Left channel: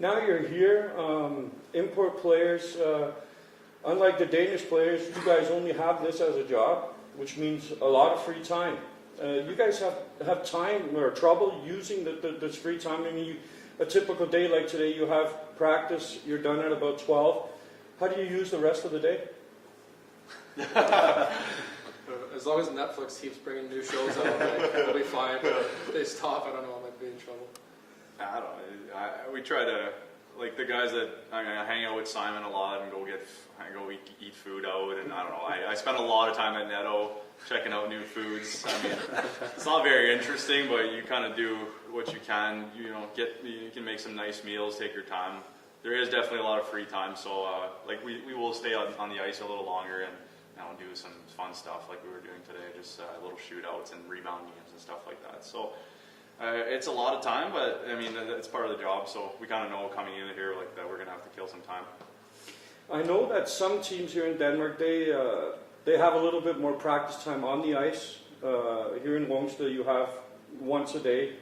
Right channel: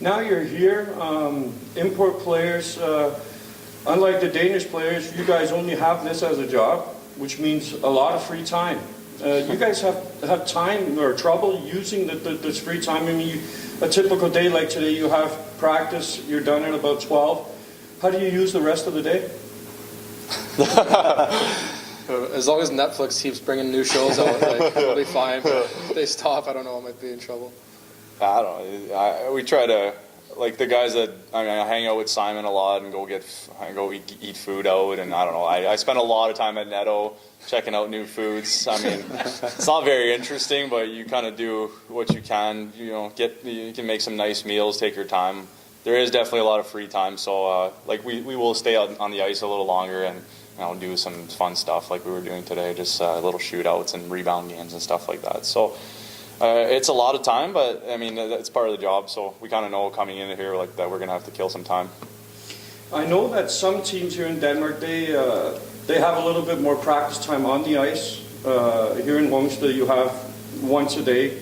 Now you're here, import players, unlike the Danish players, you guys only have this as a job, which means a lot of free time. You guys have time or trouble using this free time? I mean, a typical day like today, you have practice, you're done at about 12. How do you use the rest of the day? As long as Netflix keeps bringing new shows out, like, it'll be fine. But if they stop, I don't know, I might be in trouble. I don't know. We try to, like the guys that, I hang out with Simon a lot and go eat food out, and I don't know. I spend a lot of time at Netto checking out new foods. I mean, it's not very interesting, but you kind of do what you can. You can make some nice meals, take your time. There is definitely a lot of free time, so like we will stay on the ice a little longer and do some fun stuff like we were doing today, just little shootouts and rebound games and stuff like that. So it's a lot of time, but I mean it's part of the job. So we kind of know coming in here like that we're gonna have to kill some time. I know that some teams here in Denmark they have a little bit more practice time on the ice. Here in Wongsta you have once a day.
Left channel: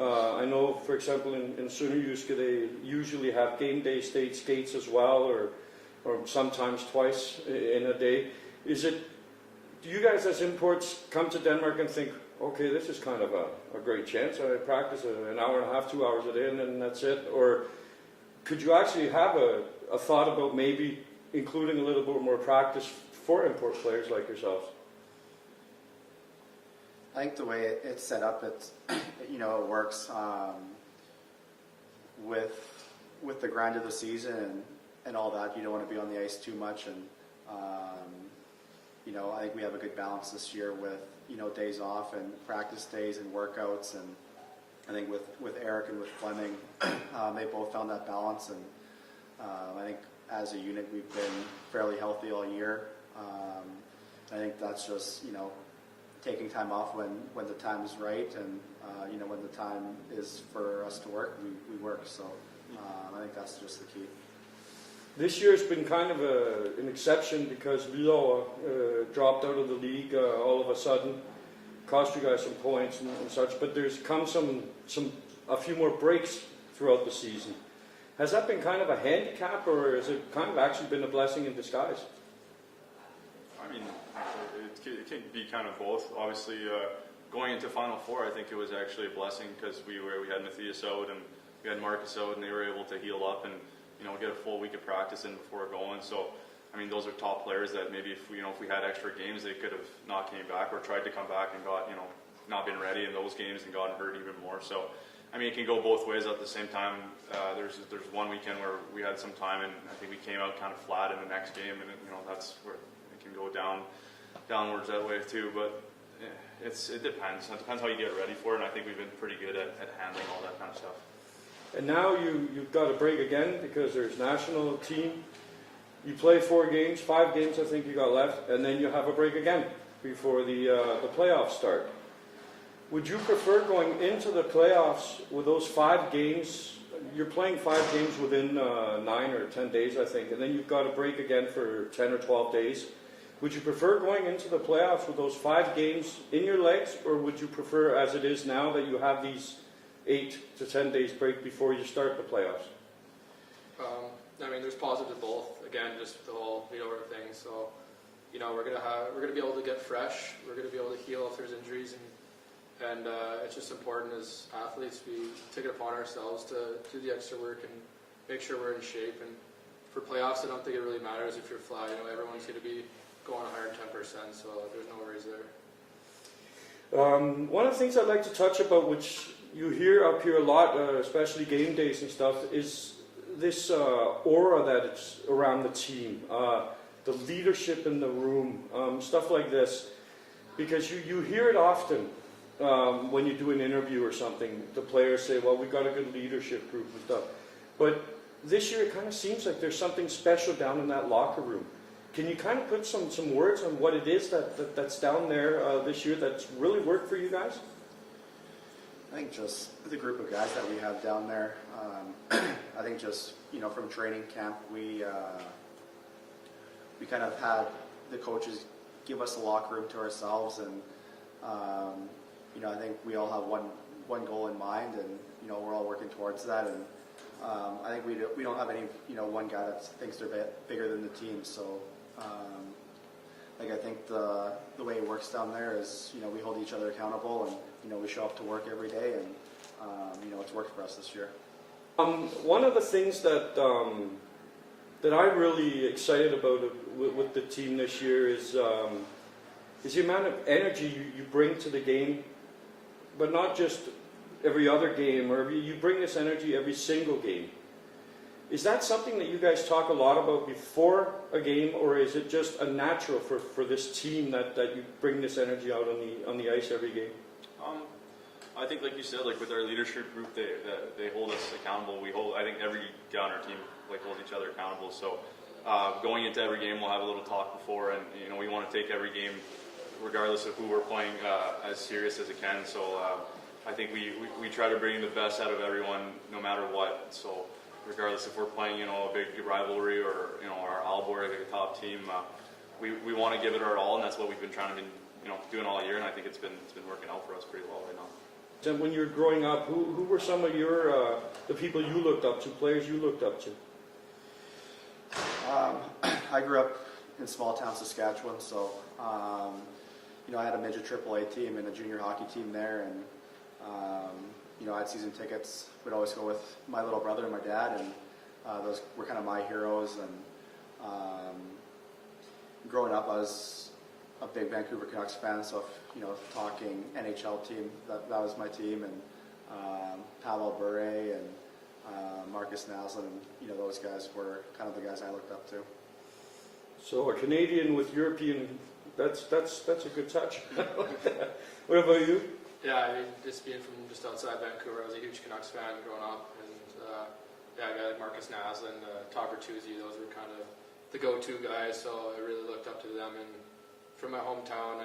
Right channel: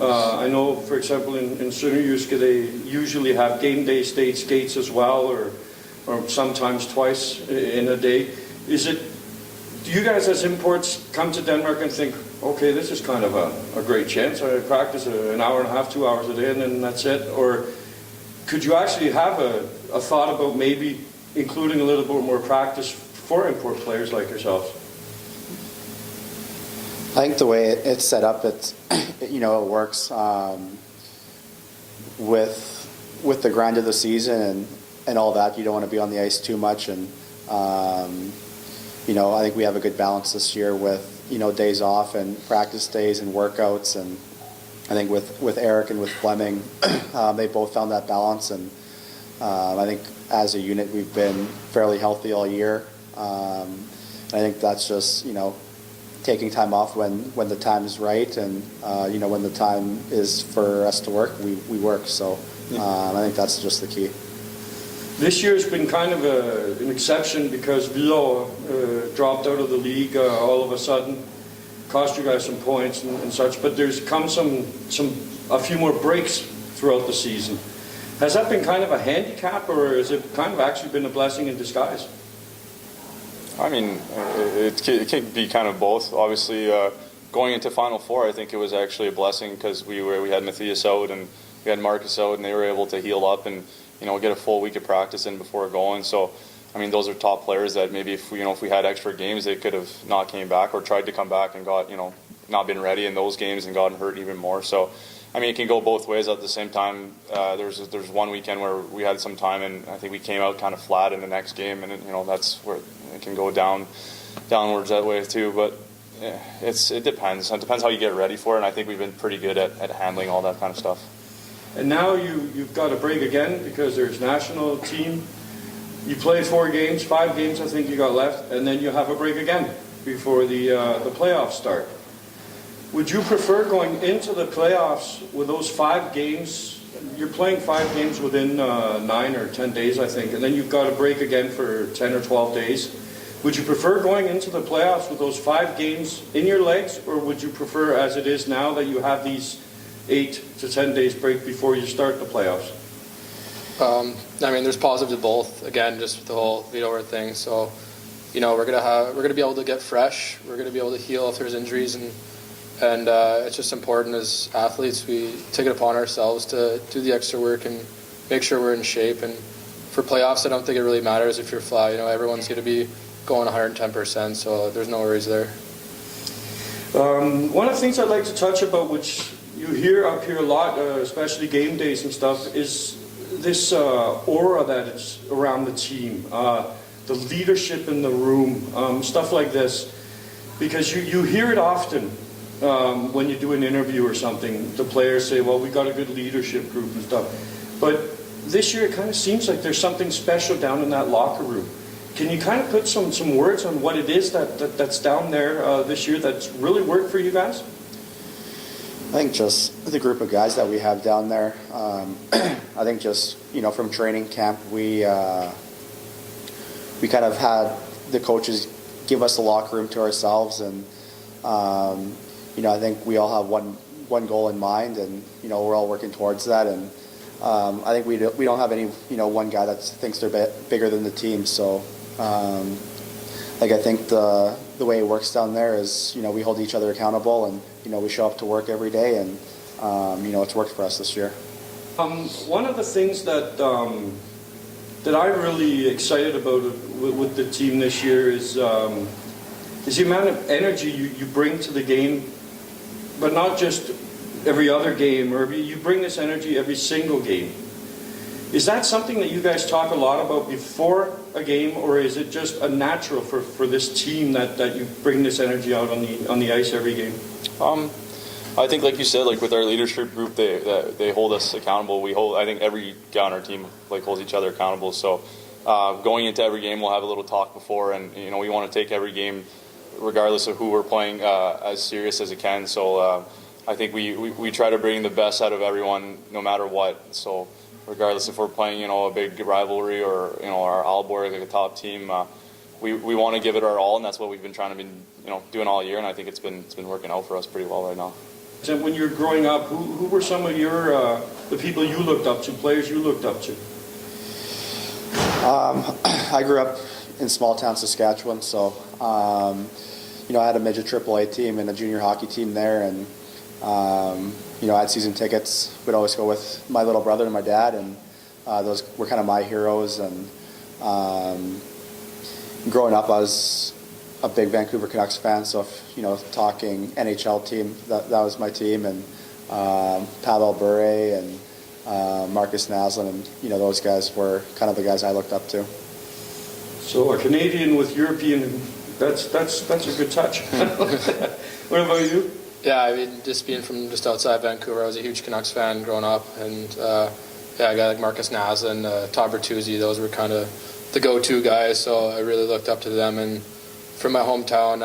I know, for example, in Sønderjyske they usually have game day state skates as well, or sometimes twice in a day. Do you guys as imports come to Denmark and think, okay, this is kind of a great chance, I practice an hour and a half, 2 hours a day, and then that's it? Or could you actually have a thought about maybe including a little bit more practice for import players like yourselves? I think the way it's set up, it works with the grind of the season and all that. You don't want to be on the ice too much, and I think we have a good balance this year with days off and practice days and workouts, and I think with Eric and with Fleming, they both found that balance, and I think as a unit we've been fairly healthy all year. I think that's just taking time off when the time is right, and when the time is for us to work, we work. So I think that's just the key. This year's been kind of an exception because Hvidovre dropped out of the league all of a sudden, cost you guys some points and such. But there's come a few more breaks throughout the season. Has that been kind of a handicap, or has it kind of actually been a blessing in disguise? I mean, it can be kind of both. Obviously, going into Final Four, I think it was actually a blessing because we had Matthias out and we had Marcus out, and they were able to heal up and get a full week of practice in before going. So, I mean, those are top players that maybe if we had extra games, they could have not came back or tried to come back and got not been ready in those games and gotten hurt even more. So, I mean, it can go both ways. At the same time, there's one weekend where we had some time, and I think we came out kind of flat in the next game, and that's where it can go downwards that way too. But it depends. It depends how you get ready for it, and I think we've been pretty good at handling all that kind of stuff. And now you've got a break again because there's national team. You play 4 games, 5 games I think you got left, and then you have a break again before the playoffs start. Would you prefer going into the playoffs with those 5 games? You're playing 5 games within 9 or 10 days, I think, and then you've got a break again for 10 or 12 days. Would you prefer going into the playoffs with those 5 games in your legs, or would you prefer, as it is now, that you have these 8 to 10 days break before you start the playoffs? I mean, there's positives to both. Again, just the whole Hvidovre thing. So, we're gonna be able to get fresh. We're gonna be able to heal if there's injuries, and it's just important as athletes we take it upon ourselves to do the extra work and make sure we're in shape. And for playoffs, I don't think it really matters if you're fly. Everyone's gonna be going 110%, so there's no worries there. One of the things I'd like to touch about, which you hear up here a lot, especially game days and stuff, is this aura that is around the team, the leadership in the room, stuff like this. Because you hear it often when you do an interview or something. The players say, well, we got a good leadership group and stuff. But this year it kind of seems like there's something special down in that locker room. Can you kind of put some words on what it is that's down there this year that's really worked for you guys? I think just the group of guys that we have down there. I think just from training camp, we kind of had the coaches give us the locker room to ourselves, and I think we all have one goal in mind, and we're all working towards that. And I think we don't have any, one guy that thinks they're bigger than the team. So, I think the way it works down there is, we hold each other accountable, and we show up to work every day, and it's worked for us this year. One of the things that I'm really excited about with the team this year is the amount of energy you bring to the game, but not just every other game, or you bring this energy every single game. Is that something that you guys talk a lot about before a game, or is it just a natural for this team that you bring this energy out on the ice every game? I think, like you said, like with our leadership group, they hold us accountable. I think every guy on our team holds each other accountable. So going into every game, we'll have a little talk before, and we want to take every game, regardless of who we're playing, as serious as it can. So I think we try to bring the best out of everyone, no matter what. So regardless if we're playing, a big rivalry or our Aalborg, like a top team, we want to give it our all, and that's what we've been trying to be doing all year. And I think it's been working out for us pretty well right now. And when you were growing up, who were some of your the people you looked up to, players you looked up to? I grew up in small town Saskatchewan, so I had a midget AAA team and a junior hockey team there, and I had season tickets. We'd always go with my little brother and my dad, and those were kind of my heroes. And growing up, I was a big Vancouver Canucks fan, so if, talking NHL team, that was my team, and Pavel Bure and Marcus Naslund, and those guys were kind of the guys I looked up to. So a Canadian with European, that's a good touch. What about you? Yeah, I mean, just being from just outside Vancouver, I was a huge Canucks fan growing up, and a guy like Marcus Naslund, Todd Bertuzzi, those were kind of the go-to guys, so I really looked up to them. And from my hometown,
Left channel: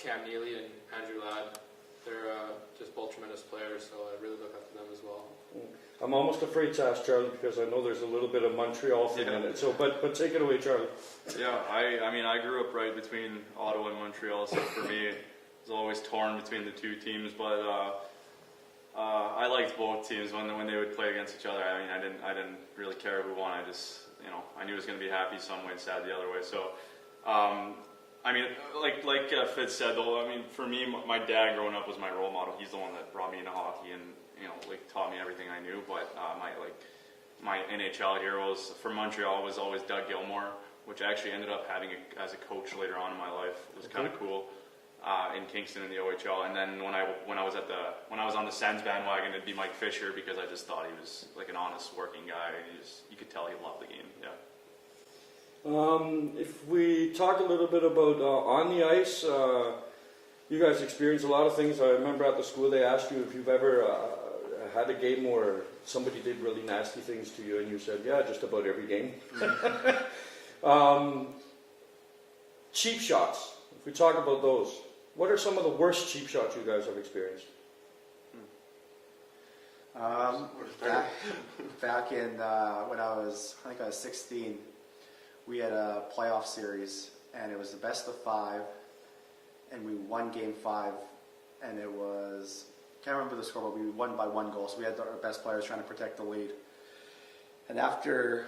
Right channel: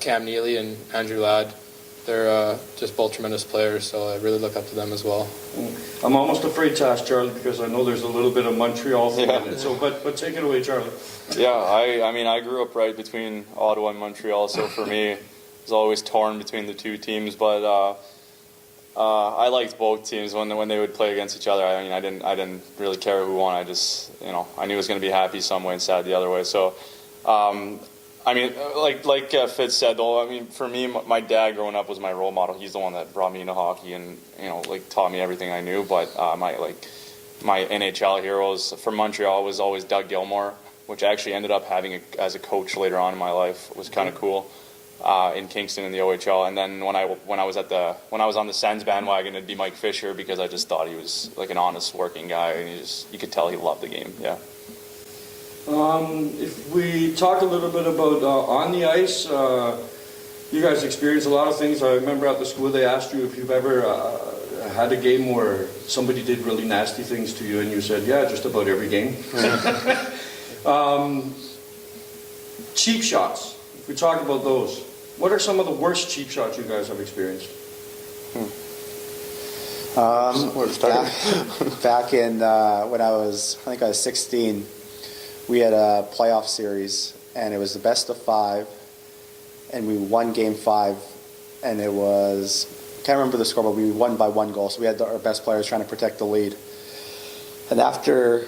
Cam Neely and Andrew Ladd, they're just both tremendous players, so I really look up to them as well. I'm almost afraid to ask Charlie, because I know there's a little bit of Montreal thing in it. So, but take it away, Charlie. Yeah, I mean, I grew up right between Ottawa and Montreal, so for me, it was always torn between the two teams. But I liked both teams when they would play against each other. I mean, I didn't really care who won. I just, I knew it was going to be happy some way and sad the other way. So, I mean, like Fitz said, though, I mean, for me, my dad growing up was my role model. He's the one that brought me into hockey and, taught me everything I knew. But my NHL heroes from Montreal was always Doug Gilmour, which I actually ended up having as a coach later on in my life. It was kind of cool. In Kingston in the OHL, and then when I was on the Sens bandwagon, it'd be Mike Fisher, because I just thought he was like an honest working guy, and you could tell he loved the game. Yeah. If we talk a little bit about on the ice, you guys experienced a lot of things. I remember at the school they asked you if you've ever had a game where somebody did really nasty things to you, and you said, yeah, just about every game. Cheap shots. If we talk about those, what are some of the worst cheap shots you guys have experienced? Back in when I think I was 16, we had a playoff series, and it was the best of 5, and we won Game 5, and it was, can't remember the score, but we won by 1 goal. So we had our best players trying to protect the lead. And after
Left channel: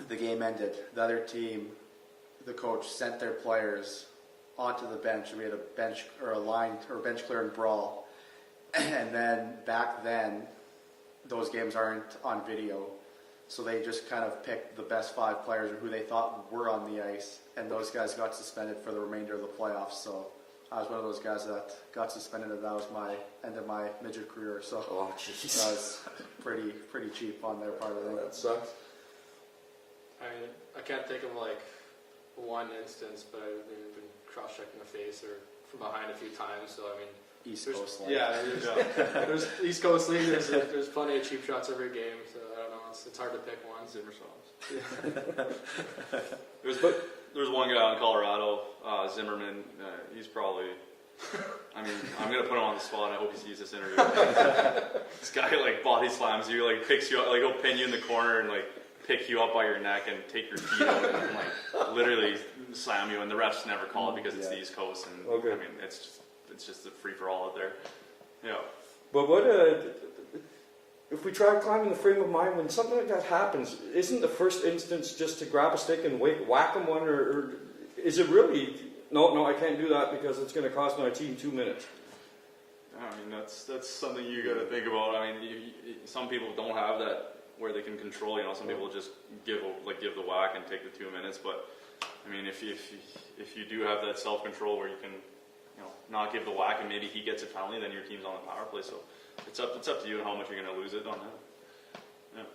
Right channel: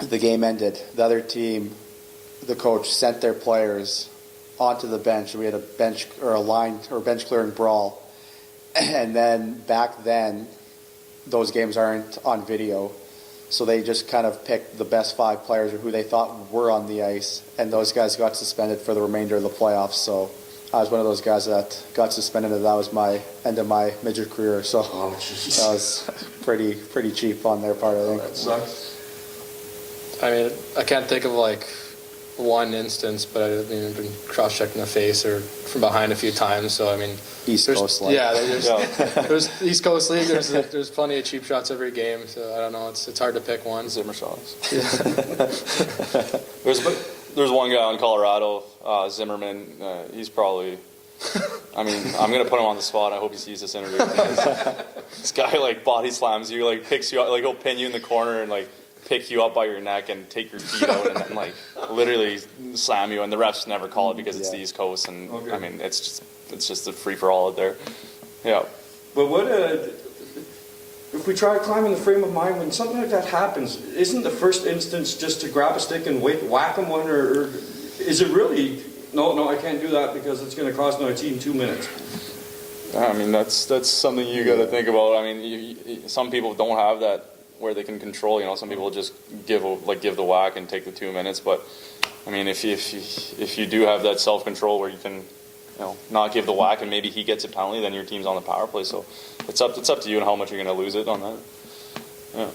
the game ended, the other team, the coach sent their players onto the bench. We had a bench clearing brawl, and then back then those games aren't on video, so they just kind of picked the best 5 players or who they thought were on the ice, and those guys got suspended for the remainder of the playoffs. So I was one of those guys that got suspended, and that was my end of my midget career. So that was pretty cheap on their part, I think. That sucks. I mean, I can't think of one instance, but I've been cross-checked in the face or from behind a few times. So I mean, East Coast League. Yeah, there's East Coast League. There's plenty of cheap shots every game. So I don't know. It's hard to pick one. Zimmer shots. Yeah. There's one guy in Colorado, Zimmerman. He's probably. I mean, I'm gonna put him on the spot. I hope he sees this interview. This guy body slams you, picks you up, he'll pin you in the corner and pick you up by your neck and take your feet out and literally slam you, and the refs never call it because it's the East Coast, and okay. I mean it's just a free for all out there. Yeah. But what if we try to climb in the frame of mind, when something like that happens, isn't the first instance just to grab a stick and whack them one, or is it really, no, I can't do that because it's going to cost my team 2 minutes? I mean, that's something you got to think about. I mean, some people don't have that where they can control. You know, some people just give the whack and take the 2 minutes. But I mean, if you do have that self control where you can, you know, not give the whack and maybe he gets a penalty, then your team's on the power play. So it's up to you and how much you're going to lose it on that. Yeah.